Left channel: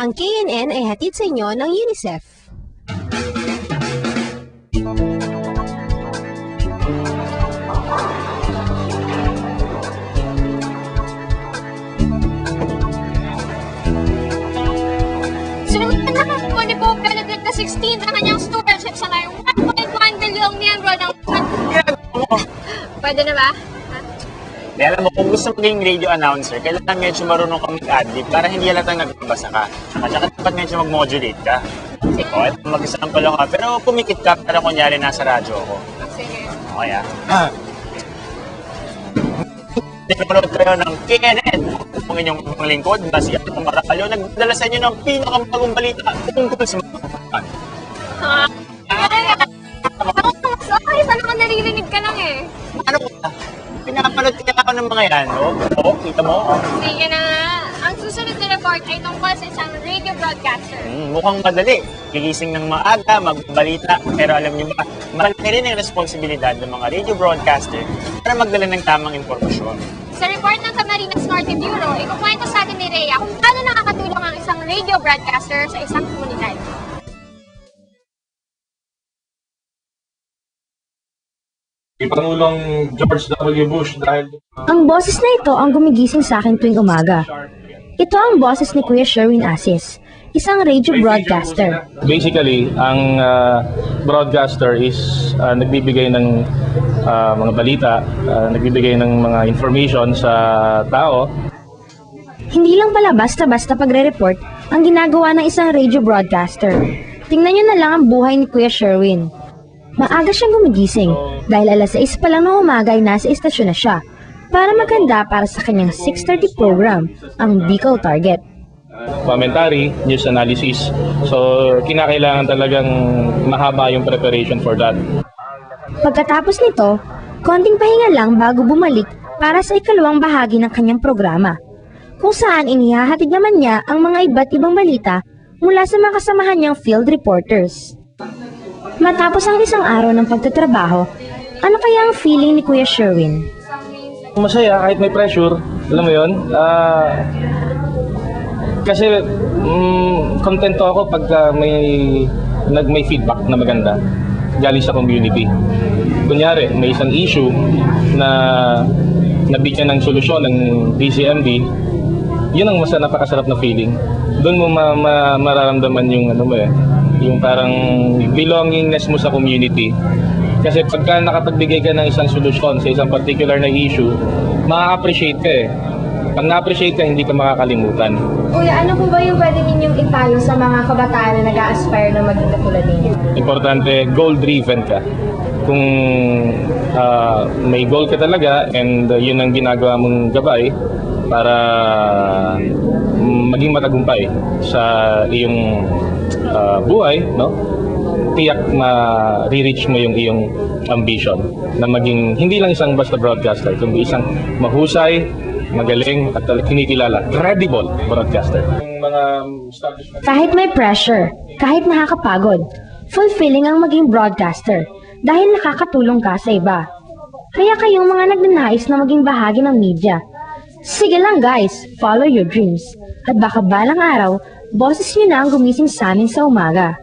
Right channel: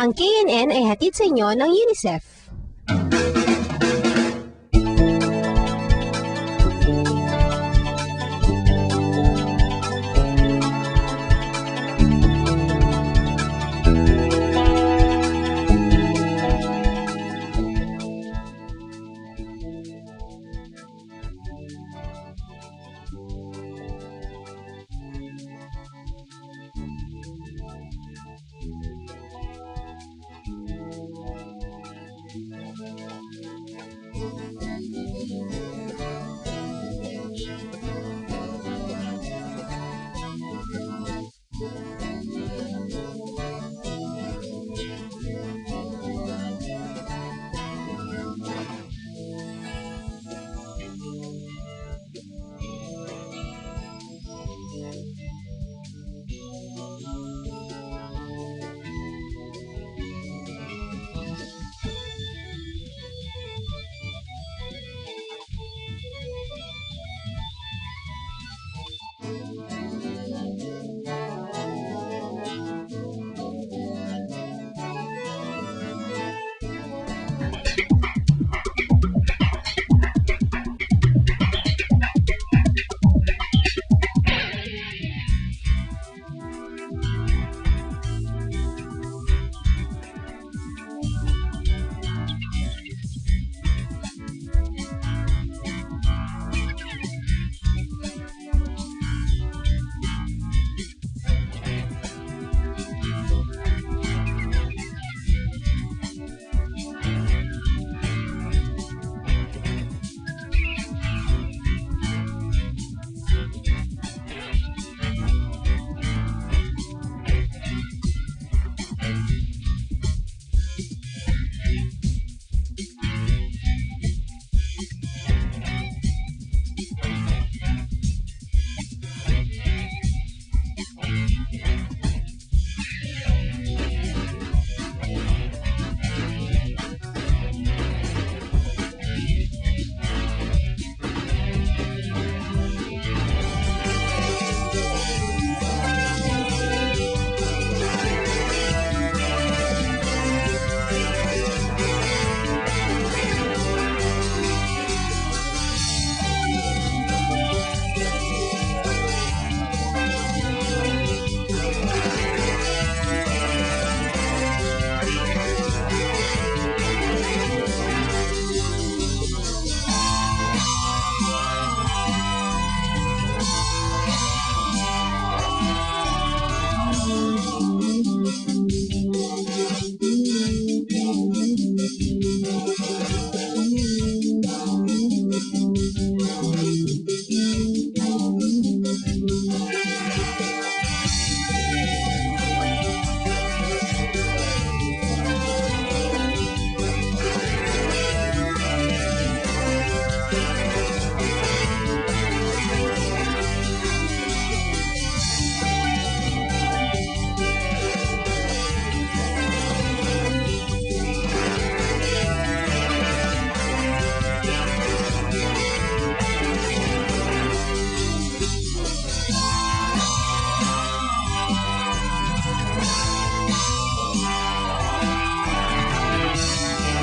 Ang KNN ay hatid sa inyo ng UNICEF. Sinulat na po ni Pope Benedict XVI na kanyang stewardship sa ngayong 1.1 bilyong miyembro ng... Pwede na ba? Kaya alam mo, kung gusto maging radio announcer, kailangan medyo marunong kang mag-adlib para hindi halatang nagbabasa ka. At saka dapat medyo mag-modulate ka. O, mag-example ako, pero pumikit ka para kunyari nasa radyo ako. Sige. Okay Pinapanood kayo ng KNN. Kung inyong lingkod, na si Atong Maracalyo, nagdala sa inyo ng pinakamagong balita tungkol sa mga Okay, paano ka naririnig ka lang eh? ano ba? Pinapanood kaya ako ng mga yan, no? Oo, kita mo? Sige na nga. Ang susunod na report ay tungkol sa isang radio broadcaster. Mukhang madali. Gigising ng maaga, magbalita. Pero alam niyo ba, malaki rin ang responsibilidad ng mga radio broadcaster para magdala ng tamang impormasyon. Sa report ng Camarines Norte Bureau, ikukwento sa atin ni Rhea kung paano nakakatulong ang isang radio broadcaster sa isang komunidad. Pangulong George W. Bush dahil Ang boses na ito ang gumigising sa akin tuwing umaga. Ito ang boses ni Kuya Sherwin Asis, isang radio broadcaster. basically ang broadcaster is nagbibigay ng mga balita, nagbibigay ng mga information sa tao. Hindi lang pala basta-basta pagre-report ang ginagawa ng isang radio broadcaster. Tingnan nyo na lang ang buhay ni Kuya Sherwin. Maaga siyang gumigising dahil alas 6 pa lang ng umaga ay nasa istasyon na siya para maganda para sa kanyang 6:30 program, ang Bicol Target. Commentary, news analysis. So kinakailangan talagang mahaba yung preparation for that. Pagkatapos nito, konting pahinga lang bago bumalik para sa ikalawang bahagi ng kanyang programa, kung saan inihahatid naman niya ang mga iba't ibang balita mula sa mga kasamahan niyang field reporters. Matapos ang isang araw ng pagtatrabaho, ano kaya ang feeling ni Kuya Sherwin? Masaya kahit may pressure, alam mo yun? Kasi kontento ako pag may feedback na maganda galing sa community. Kunyari, may isang issue na nabigyan ng solusyon ng DCMD, yun ang napakasarap na feeling. Doon mo mararamdaman yung yung parang belongingness mo sa community. Kasi pagka nakapagbigay ka ng isang solusyon sa isang particular na issue, ma-appreciate ka eh. Pag na-appreciate ka, hindi ka makakalimutan. Kuya, ano po ba yung pwede ninyong ipalo sa mga kabataan na nag-a-aspire na maging katulad ninyo? Importante, goal-driven ka. Kung may goal ka talaga and yun ang ginagawa mong gabay para maging matagumpay sa iyong buhay, no? Tiyak ma-reach mo yung iyong ambition na maging hindi lang isang basta broadcaster, kundi isang mahusay, magaling at kinikilala, credible broadcaster. Kahit may pressure, kahit nakakapagod, fulfilling ang maging broadcaster dahil nakakatulong ka sa iba. Kaya kayong mga nagnanais na maging bahagi ng media, sige lang guys, follow your dreams. At baka balang araw, boses nyo na ang gumising sa amin sa umaga.